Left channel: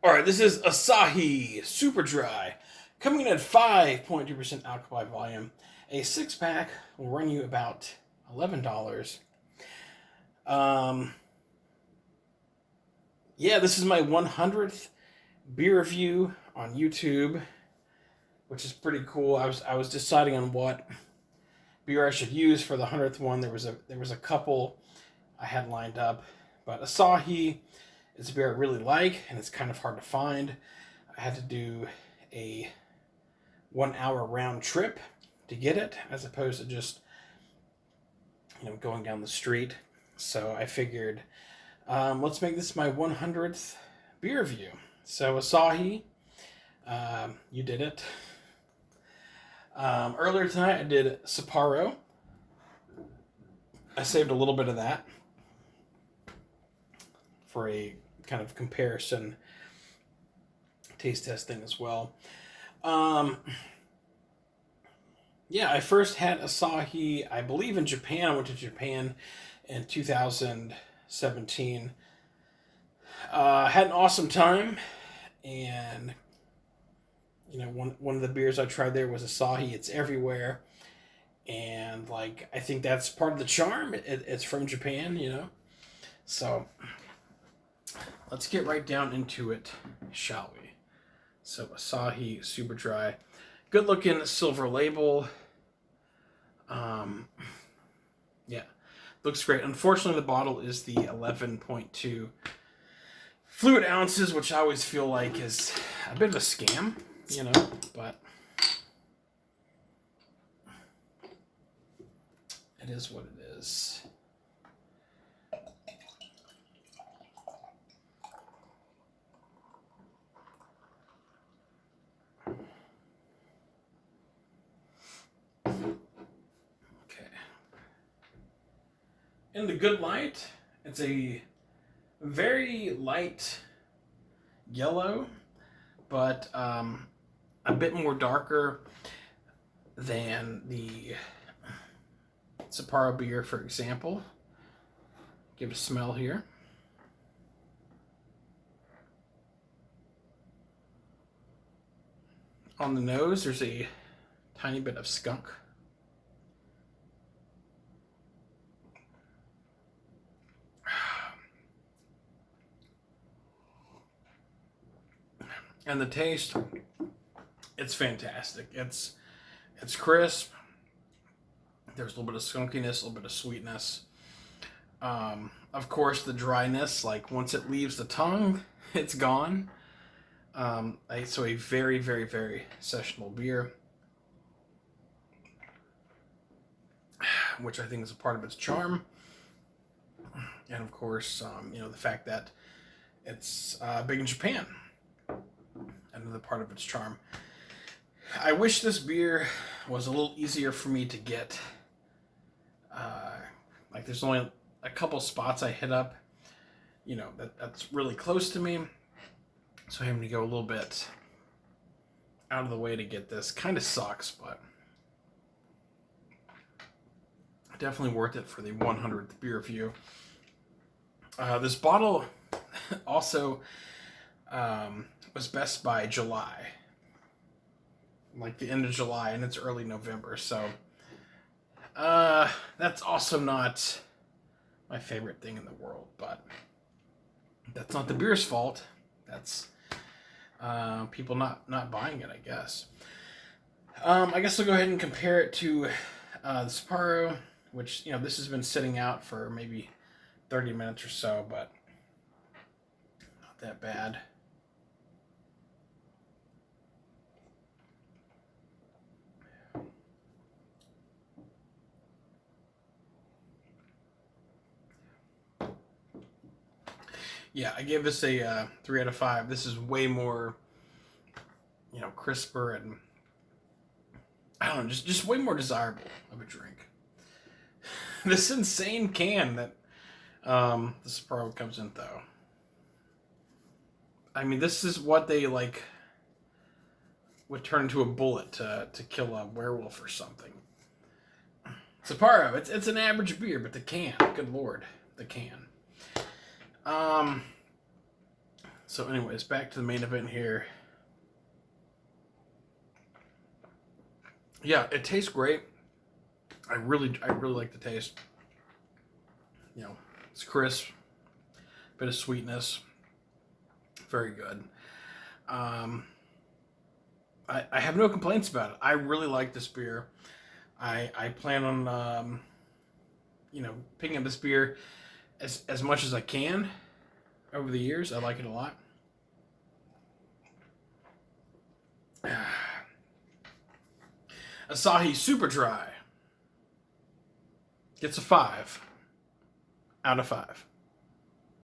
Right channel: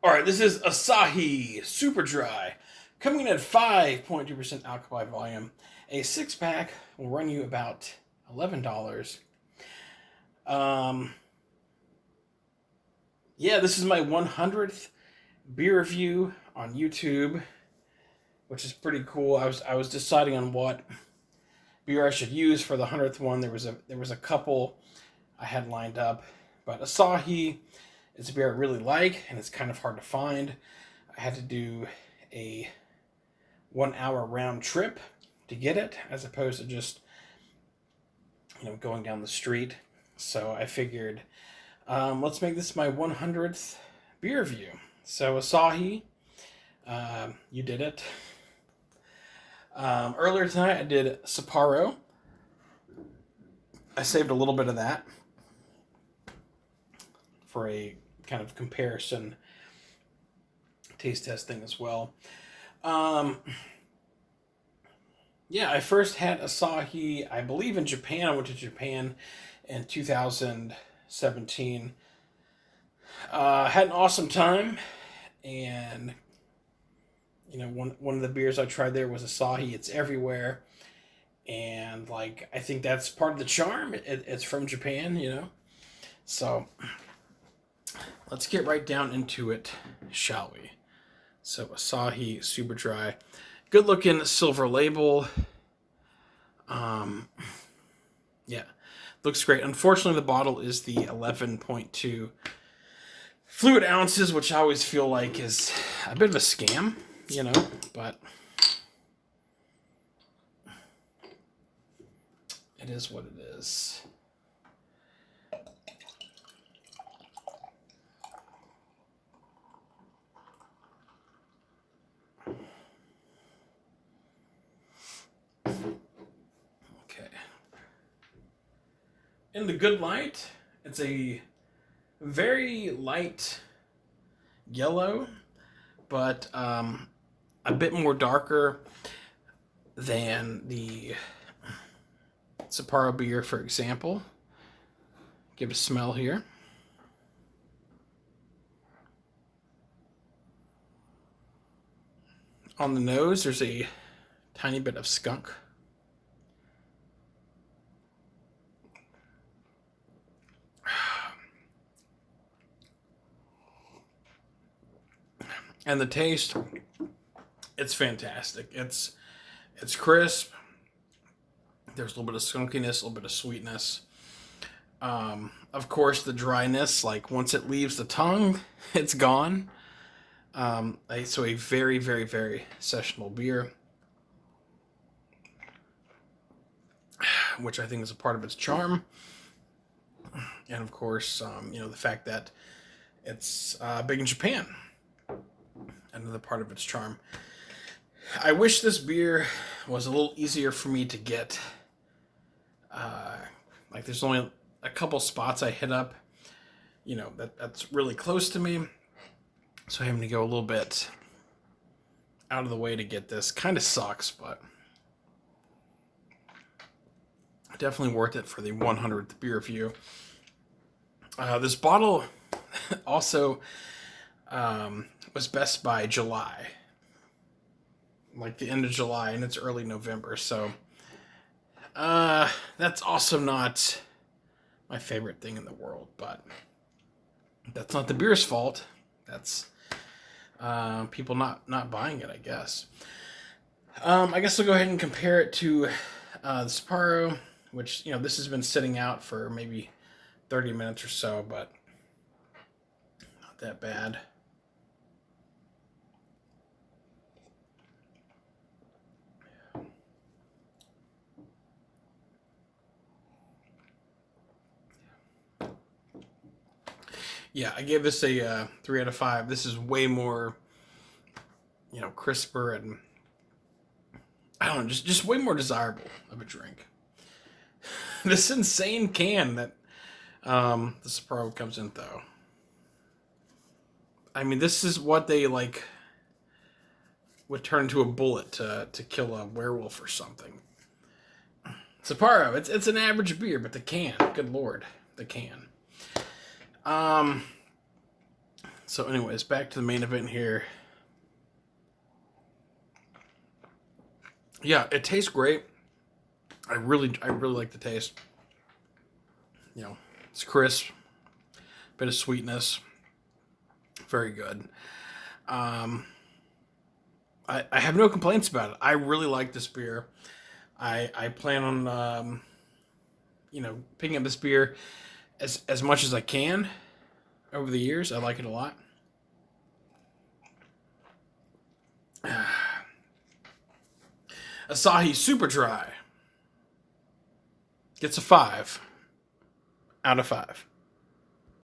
All right, this is Asahi Super Dry, coming in at 5.2% alcohol by volume. A six pack will run you about $11. Um, yeah, this is my 100th beer review on YouTube, which is pretty cool. I was deciding on what beer I should use for the 100th one. There was a couple I had lined up, but Asahi is a beer I really like, and it's kind of hard to find. I had to do a 1 hour round trip to get it, as opposed to just going down the street. So I figured, let's make this my 100th beer review. So Asahi, you did it. Earlier tonight I did Sapporo. I saved a little bit of that for a kind of comparison taste test thing as well. Yeah, I first had Asahi, I believe, in Japan. I went to Japan in 2017. Had an awesome time, and one of the beers I tried there was Asahi. It's everywhere, and I think that's part of the charm. It's from Japan. So let's get right down into it, shall we? So Asahi Super Dry, good looking silver label. Yeah, looks great. Unfortunately, the bottle is the 11.2 fluid ounces, which I always feel like is a bit of a scam, but it is what it is. Okay. In the good light, it's a very light yellow, but a bit more darker than the Sapporo beer, for example. Give it a smell here. On the nose, there's a tiny bit of skunk. And the taste, it's fantastic. It's crisp. There's a little bit of skunkiness, a little bit of sweetness. Of course, the dryness, once it leaves the tongue, it's gone. So a very, very, very sessionable beer, which I think is a part of its charm. And of course, the fact that it's big in Japan, another part of its charm. I wish this beer was a little easier for me to get. There's only a couple spots I hit up, that's really close to me. So having to go a little bit out of the way to get this kind of sucks, but definitely worth it for the 100th beer review. This bottle also was best by July, the end of July, and it's early November. So that's also not my favorite thing in the world, but that's not the beer's fault. That's people not buying it, I guess. I guess I'll go ahead and compare it to the Sapporo, which this has been sitting out for maybe 30 minutes or so, but not that bad. Yeah, I gave this a 3 out of 5. This is way more, crisper and I don't know, just way more desirable of a drink. This insane can that the Sapporo comes in, though. I mean, this is what they would turn into a bullet to kill a werewolf or something. Sapporo, it's an average beer, but the can, good lord, the can. So anyways, back to the main event here. Yeah, it tastes great. I really like the taste. You know, it's crisp, bit of sweetness, very good. Um, I have no complaints about it. I really like this beer. I plan on picking up this beer as much as I can over the years. I like it a lot. Asahi Super Dry gets a 5 out of 5.